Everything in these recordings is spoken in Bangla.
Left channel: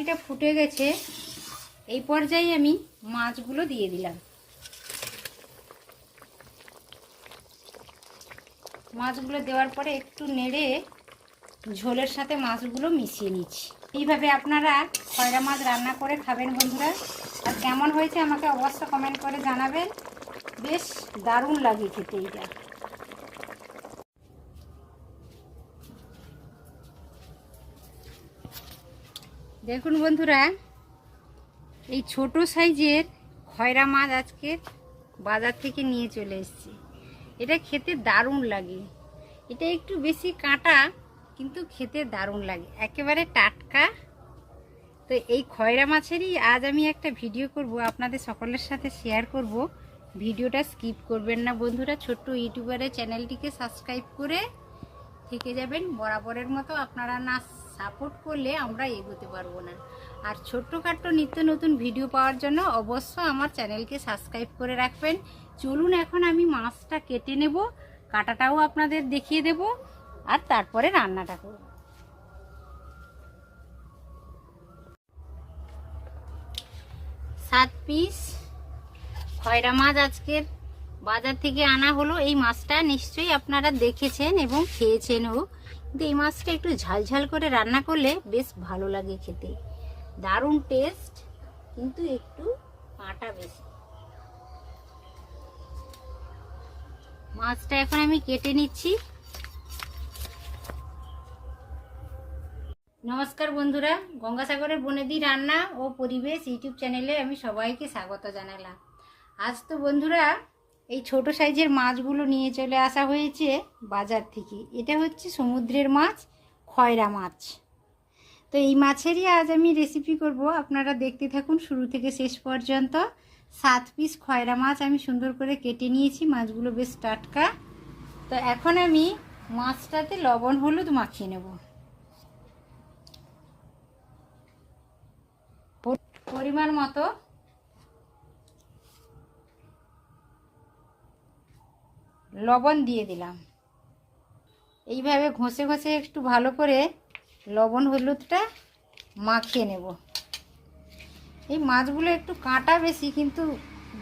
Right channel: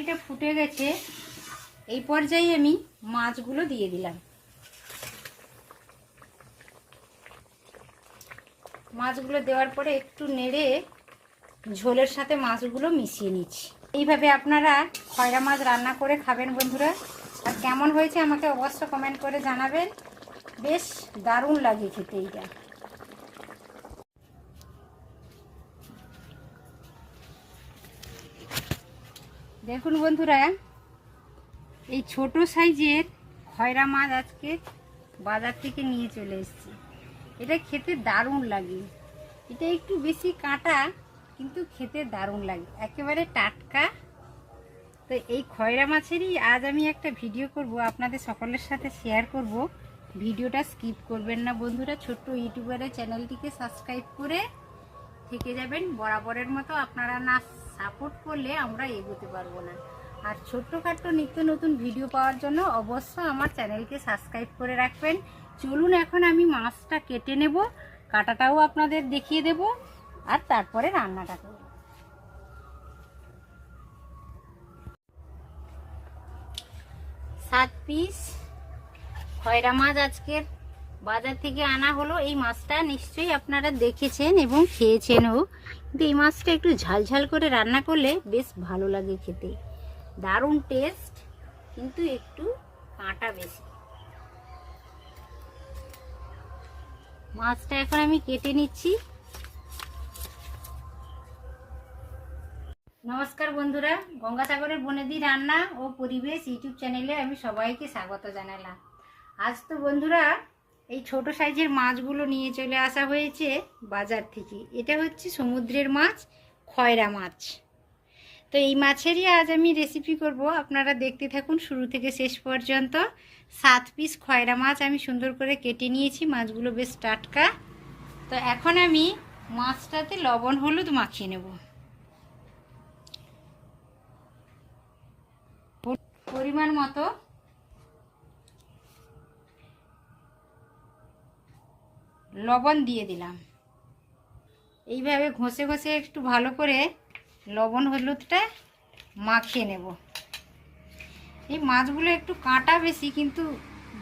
এটা ফুটে গেছে। এই পর্যায়ে আমি মাছগুলো দিয়ে দিলাম। মাছগুলো দেওয়ার পরে একটু নেড়ে ঝোলের সাথে মাছগুলো মিশিয়ে নিচ্ছি। এইভাবে আপনারা খয়রা মাছ রান্না করে খাবেন বন্ধুরা। আর কেমন হয়েছে আমাকে অবশ্যই কমেন্ট করে জানাবেন। বেশ দারুণ লাগে খেতে এইটা। দেখুন বন্ধুরা, এই ছোট সাইজের খয়রা মাছ আজকে বাজার থেকে নিয়ে চলে এসেছি। এটা খেতে দারুণ লাগে। এটা একটু বেশি কাঁটা, কিন্তু খেতে দারুণ লাগে, একেবারে টাটকা। তো এই খয়রা মাছেরই আজ আমি একটা ভিডিও করব, আপনাদের সকলের সাথে শেয়ার করব। ভিডিওটা স্কিপ করবেন না বন্ধুরা। ছোট্ট ইউটিউবারের চ্যানেলটিকে সাবস্ক্রাইব করে থেকে যাবেন। বরাবরের মতো আপনারা না সাপোর্ট করলে আমরা এগোতে পারবো না। আর ছোট্টখাট্ট নিত্য নতুন ভিডিও পাওয়ার জন্য অবশ্যই আমার চ্যানেলকে সাবস্ক্রাইব করে রাখবেন। চলুন এখন আমি মাছটা কেটে নেব, কাটাটাও আপনাদের দেখিয়ে দেব, আর তারপরে রান্নাটা করব। 7 পিস খয়রা মাছ আজকের বাজার থেকে আনা হলো। এই মাছটা নিশ্চয়ই আপনারা দেখেছেন এবং খেয়েছেনও, কিন্তু এই মাছটা একটু ঝালঝাল করে রান্না করলে বেশ ভালো লাগে খেতে। দারুণ টেস্ট, কিন্তু একটু কাঁটা বেশি। মাছটা এখন আমি কেটে নিচ্ছি। নমস্কার বন্ধুরা, গঙ্গাসাগরের বনেদি রান্না ও পরিবেশ ইউটিউব চ্যানেলে আমি সবাইকে স্বাগত জানালাম। আজ তো বন্ধুরা এই ছোট সাইজের মাছগুলো নিয়ে চলে আসা হয়েছে বাজার থেকে। এটা হচ্ছে সমুদ্রের মাছ, খয়রা মাছ। তো এই মাছেরই আজ আমি রেসিপি করব, আপনারা দেখতে থাকুন শুরু থেকে শেষ পর্যন্ত। 7 পিস খয়রা মাছ আমি সুন্দর করে কেটে নিয়েছি, মাছগুলো বেশ টাটকা। তো এখন আমি মাছটাতে লবণ হলুদ মাখিয়ে নেব। পরিমাণ মতো লবণ দিয়ে দিলাম। এইভাবে ঘষে ঘষে একটু ভালো করে লবণ হলুদটা মাখিয়ে নেব। এই মাছগুলো একটু কাঁটা বেশি, কিন্তু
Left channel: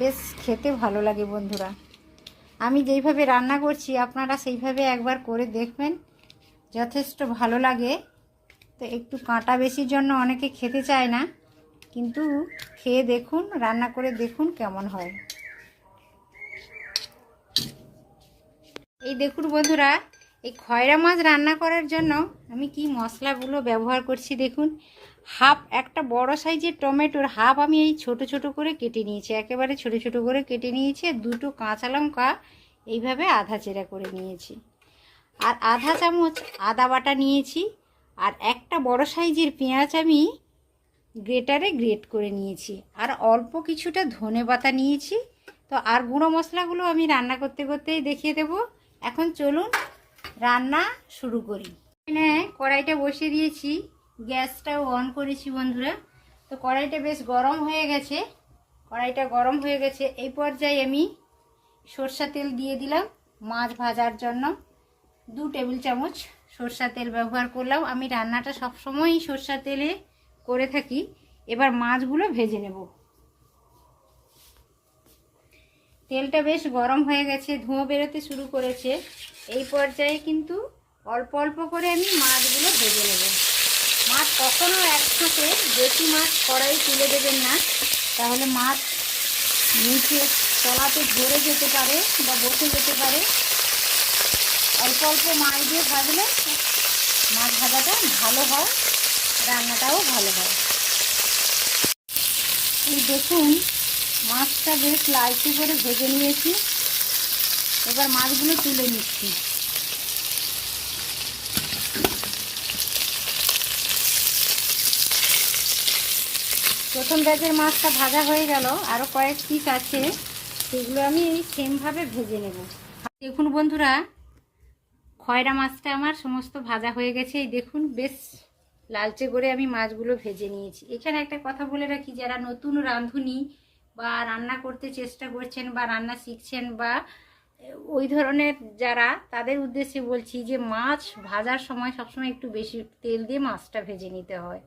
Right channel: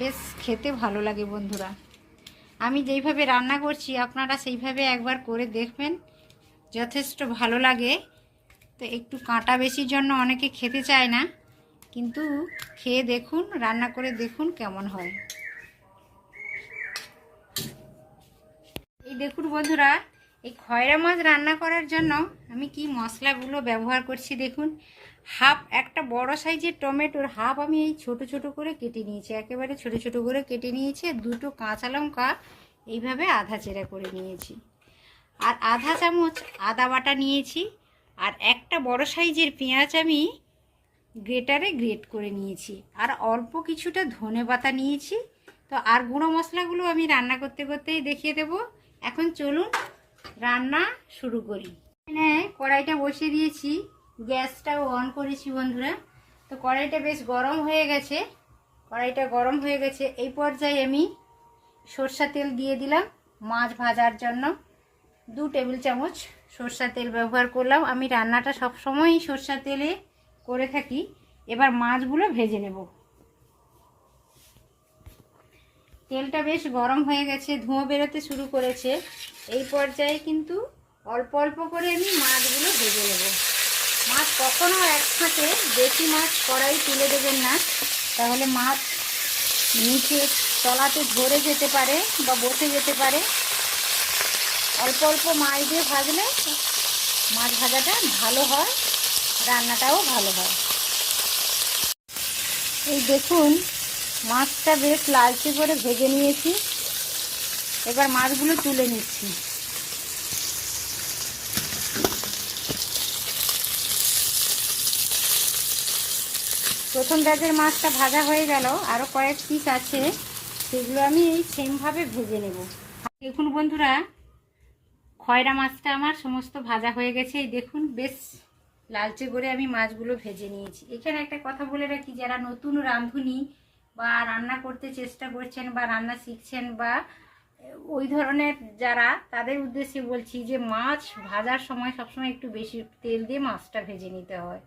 বেশ খেতে ভালো লাগে বন্ধুরা। আমি যেইভাবে রান্না করছি আপনারা সেইভাবে একবার করে দেখবেন, যথেষ্ট ভালো লাগে। তো একটু কাঁটা বেশির জন্য অনেকে খেতে চায় না, কিন্তু খেয়ে দেখুন, রান্না করে দেখুন কেমন হয়। এই দেখুন বন্ধুরা, এই খয়রা মাছ রান্না করার জন্য আমি কি মশলাগুলো ব্যবহার করছি দেখুন। একটা বড় সাইজের টমেটোর হাফ আমি এই ছোট ছোট করে কেটে নিয়েছি, একেবারে ছোট ছোট করে কেটে নিয়েছি। 2টো কাঁচা লঙ্কা এইভাবে আধা চেরা করে নিয়েছি, আর আধা চামচ আদা বাটা নিয়েছি। আর একটা বড় সাইজের পেঁয়াজ আমি গ্রেটারে গ্রেট করে নিয়েছি, আর অল্প কিছুটা ধনে পাতা নিয়েছি। তো আর গুঁড়ো মশলাগুলো আমি রান্না করতে করতেই দেখিয়ে দেব। এখন চলুন রান্না শুরু করি। এখানে কড়াইটা বসিয়ে দিয়েছি, গ্যাসটাও অন করেছি বন্ধুরা। তো কড়াইটা বেশ গরম হয়ে গেছে। কড়াইটা গরম হয়ে গেছে, এই পর্যায়ে আমি সরষা তেল দিয়ে দিলাম মাছ ভাজার জন্য। 2 টেবিল চামচ সরষা তেল ব্যবহার করলাম। আমি রান্নাটা সবসময়ই সরষা তেলে করে থাকি। এবার মাছগুলো ভেজে নেব। তেলটা বেশ গরম হয়ে গেছে, ধোঁয়া বেরোতে শুরু করেছে। এই পর্যায়ে কিন্তু অল্প অল্প করে আমি মাছগুলো ভেজে নেব। মাছ কখনো একসাথে বেশি মাছ কড়াই তুলে দেবেন না, তাহলে মাছ নিচে তলাতে ধরে যেতে পারে বা বসে যেতে পারে। অল্প অল্প মাছ দিয়ে ভাজলে মাছ ভাজাটা ভালো হয়, রান্নাটাও ভালো হয়। এই দেখুন মাছটা বেশ লালচে করে ভেজে নিয়েছি। এবার মাছগুলো তুলে নিচ্ছি। প্রথম ব্যাচের মাছটা ভাজা হয়ে গেল, আরও কয়েক পিস আছে, সেগুলো আমি এই সেমভাবে ভেজে নেব। দেখুন বন্ধুরা, খয়রা মাছটা আমার সমস্ত ভাজা হয়ে গেছে। এই দেখুন বেশ লালচে করে আমি মাছগুলো ভেজে নিয়েছি। এখানে একটা কথা বলে রাখি, যারা নতুন রাঁধুনি বা রান্না করতে চেষ্টা করছেন বা রান্না শিখছেন বা ওই ধরনের যারা, তাদের উদ্দেশ্যে বলছি যে মাছ ভাজার সময় সবসময় একটু বেশি তেল দিয়ে মাছটা ভেজে নিতে হয়।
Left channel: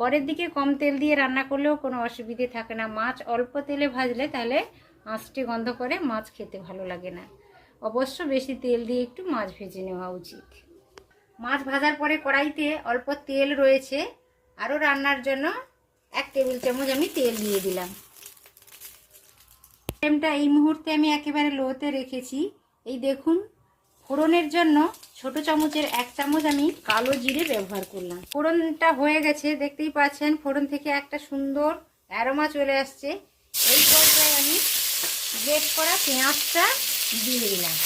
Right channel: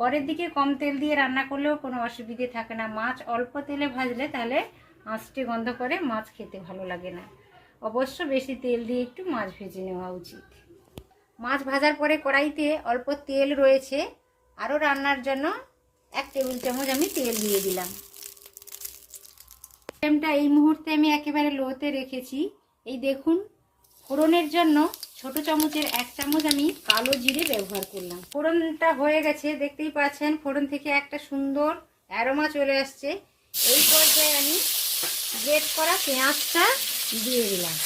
পরের দিকে কম তেল দিয়ে রান্না করলেও কোনো অসুবিধে থাকে না। মাছ অল্প তেলে ভাজলে তাহলে আঁচটে গন্ধ করে, মাছ খেতে ভালো লাগে না। অবশ্য বেশি তেল দিয়ে একটু মাছ ভেজে নেওয়া উচিত। মাছ ভাজার পরে কড়াইতে অল্প তেল রয়েছে, আরও রান্নার জন্য 1 টেবিল চামচ আমি তেল দিয়ে দিলাম। ফ্লেমটা এই মুহূর্তে আমি একেবারে লোতে রেখেছি। এই দেখুন, ফোড়নের জন্য ছোট চামচের 1 চামচ আমি কালো জিরে ব্যবহার করলাম। ফোড়নটা হয়ে গেছে, দেখতেই পাচ্ছেন ফোড়ন থেকে একটা সুন্দর অ্যারোমা চলে আসছে। এই পর্যায়ে আমি গ্রেট করা পেঁয়াজটা দিয়ে দিলাম।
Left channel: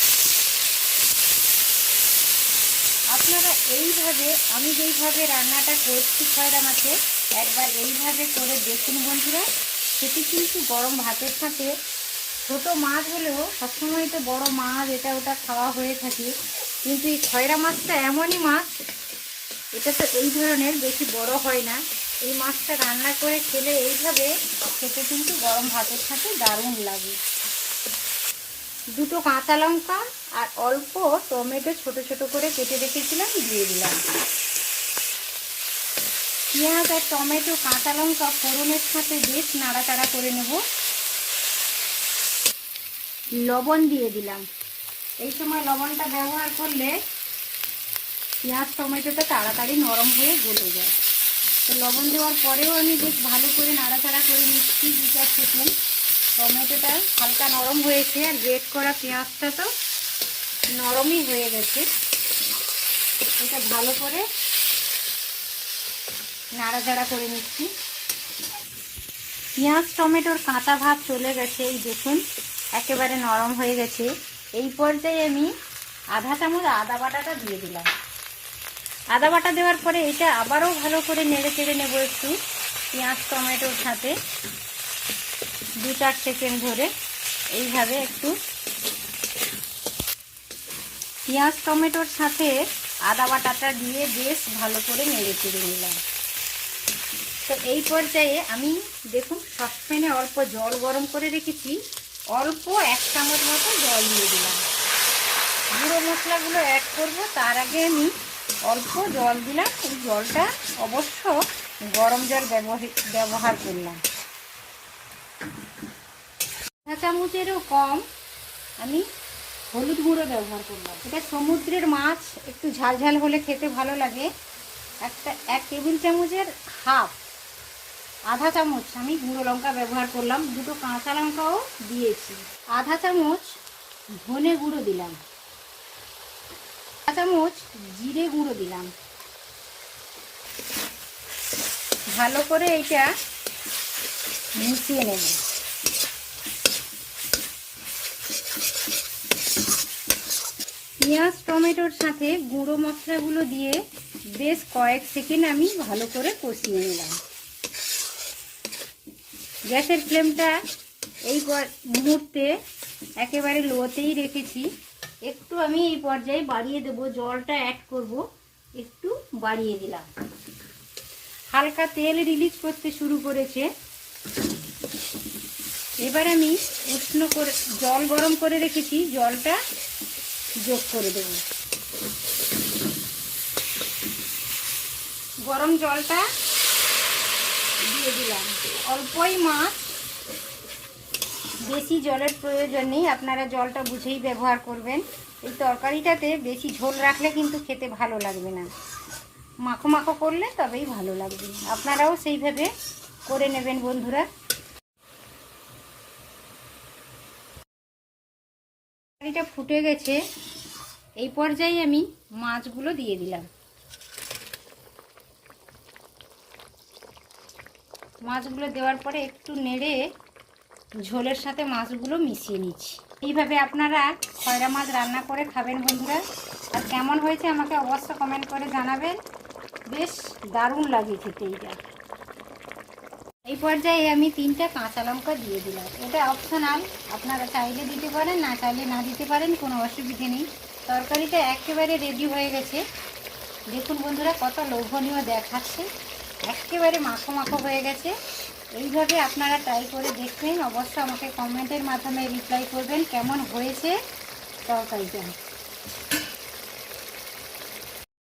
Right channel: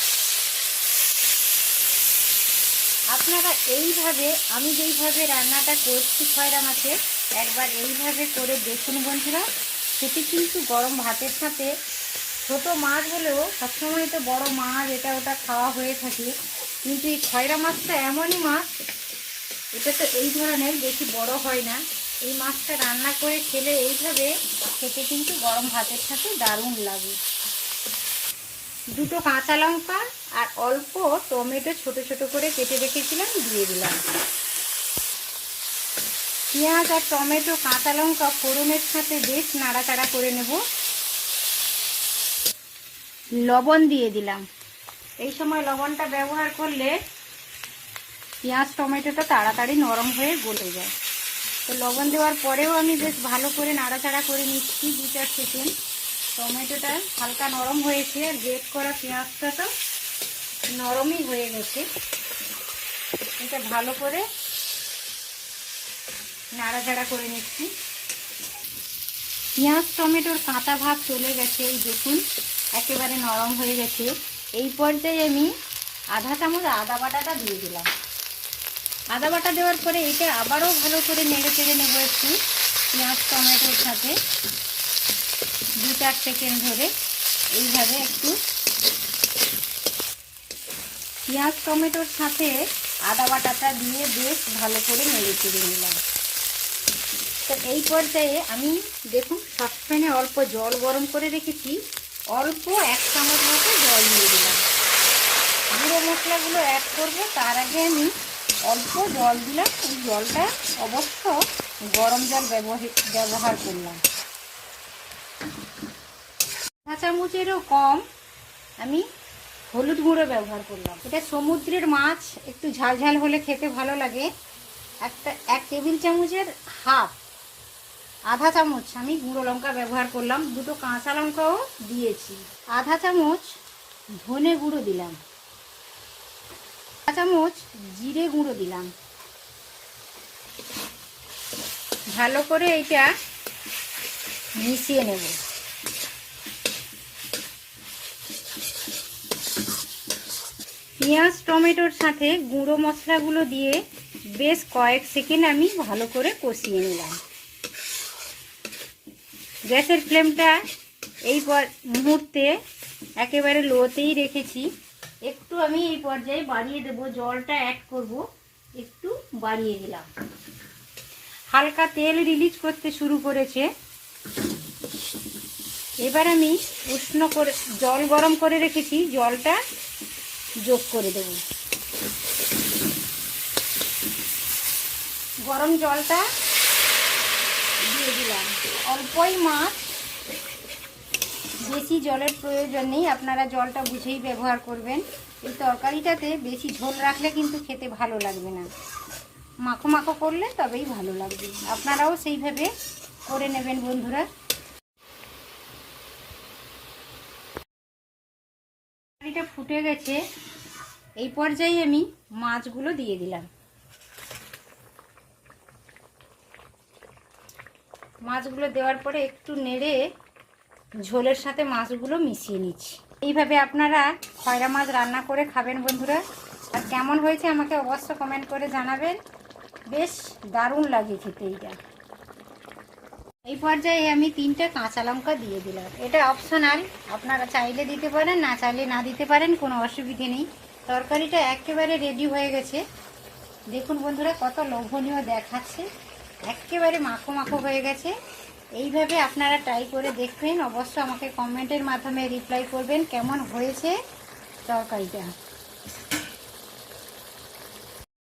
আপনারা এইভাবে, আমি যেইভাবে রান্নাটা করছি খয়রা মাছে, একবার এইভাবে করে দেখুন বন্ধুরা। সেটি কিন্তু গরম ভাতের সাথে, ছোট মাছ হলেও সবসময় তো বড় মাছ এটা ওটা খাওয়া হয়ে থাকে, কিন্তু এই খয়রা মাছটা এমনই মাছ, এটা তো এই ধরনের বেশি বড় হয় না। এই মাছটা রান্না করে খেলে এইভাবে খেতে কিন্তু গরম ভাতের সাথে দারুণ লাগে। 2টো কাঁচা লঙ্কা আর অল্প টমেটো ছোট ছোট করে কেটে রেখেছিলাম, দিয়ে দিলাম। পেঁয়াজ আর টমেটো কাঁচা লঙ্কা ফোড়নের সাথে বেশ নাড়াচাড়া করে নেব। লবণ দিয়ে দিলাম। এই সময় লবণটা ব্যবহার করলে পেঁয়াজ টমেটোটা তাড়াতাড়ি নরম হয়ে গলে যায়। তো লবণ দেওয়ার পরেও আমি বেশ ভালো করে নাড়াচাড়া করে নিচ্ছি 2-4 সেকেন্ড। টমেটোটা হালকা নরম হয়েছে, আর গ্রেট করা পেঁয়াজটা তো নরমই হয়ে গেছে। এটা ভালো করে নাড়াচাড়া করে নিচ্ছি। পেঁয়াজ টমেটোর কাঁচা ভাব চলে গেছে, এই দেখুন একেবারে নরম হয়ে গেছে। এই পর্যায়ে আমি আধা চামচ আদা বাটাটা দিয়ে দিলাম। আদা বাটা দেওয়ার পরে এটা আবারও ভালো করে নেড়ে চেড়ে নেবো একটু পেঁয়াজ টমেটোর সাথে 2-4 সেকেন্ড ধরে। এইভাবে একটু পেঁয়াজ টমেটোর সাথে আদা বাটাটা দিয়ে বেশ ভালো করে নেড়ে চেড়ে নিলাম। তো এই পর্যায়ে আমি দেখুন সসপ্যানে অল্প জল গরম করে রেখেছি, অল্প 1 চামচ মতো জল দিয়ে দিলাম। গুঁড়ো মশলাগুলো অ্যাড করব, তার আগে আমি অল্প জল দিলাম। এই জলটা অবশ্য গরম জল ব্যবহার করলাম। 1 চামচেরও কম আমি হলুদ গুঁড়ো ব্যবহার করলাম। এটা সমুদ্রের মাছ, একটু ঝালঝাল হলে খেতে ভালো লাগে। 1 টেবিল চামচের হাফ, আধা চামচ আমি গুঁড়ো লঙ্কা ব্যবহার করলাম। 2টো কাঁচা লঙ্কাও দিয়েছি। আধা চামচ ধনে গুঁড়ো দিলাম। আধা চামচ জিরে গুঁড়ো দিলাম। ভালো করে এটা মিশিয়ে নেব। পেঁয়াজ টমেটোর সাথে গুঁড়ো মশলাগুলো দিয়ে বেশ কয়েক সেকেন্ড আমি ভালো করে কষিয়ে নিলাম। গ্যাসের ফ্লেমটা এই মুহূর্তে একেবারে লোতেই রেখেছি। একটু আমি এই পর্যায়ে বাড়িয়ে দেব, জলটা অ্যাড করব, একটু বাড়িয়ে দিলাম। হালকা তেল রিলিজ করতে শুরু করেছে। এবার আমি উষ্ণ করে জল গরম করে রেখেছি, জলটা যোগ করে দেব। গরম জলটা দিয়ে দিলাম। অল্পই মাছ, বেশি জলের প্রয়োজন নেই, আপনারা জলটা বুঝেই ব্যবহার করবেন। এই তরকারিটাতে বেশি ঝোল রাখলে কিন্তু খেতে ভালো লাগবে না, মাখো মাখো করলে তবেই ভালো লাগবে। আপনারাও সেইভাবে করে নেবেন বন্ধুরা। তরকারিটা ফুটে গেছে, এই পর্যায়ে আমি মাছগুলো দিয়ে দিলাম। মাছগুলো দেওয়ার পরে একটু নেড়ে ঝোলের সাথে মাছগুলো মিশিয়ে নিচ্ছি। এইভাবে আপনারা খয়রা মাছ রান্না করে খাবেন বন্ধুরা। আর কেমন হয়েছে আমাকে অবশ্য কমেন্ট করে জানাবেন। বেশ দারুণ লাগে খেতে এইটা। এই পর্যায়ে আমি 3টা কাঁচা লঙ্কা দিয়ে দিলাম। এটা অপশনাল, আপনারা চাইলে দিতে পারেন, না চাইলে না দিতে পারেন, কোনো অসুবিধে নেই। তরকারিটা একেবারে রেডি হয়ে গেছে। দেখুন বন্ধুরা কত লোভনীয় দেখাচ্ছে, একেবারে মাখো মাখো হয়ে গেছে। এইভাবে আপনারা ট্রাই করে দেখবেন, অবশ্যই আমাকে কমেন্টের মাধ্যমে রিপ্লাই করবেন কেমন হয়েছে তরকারিটা।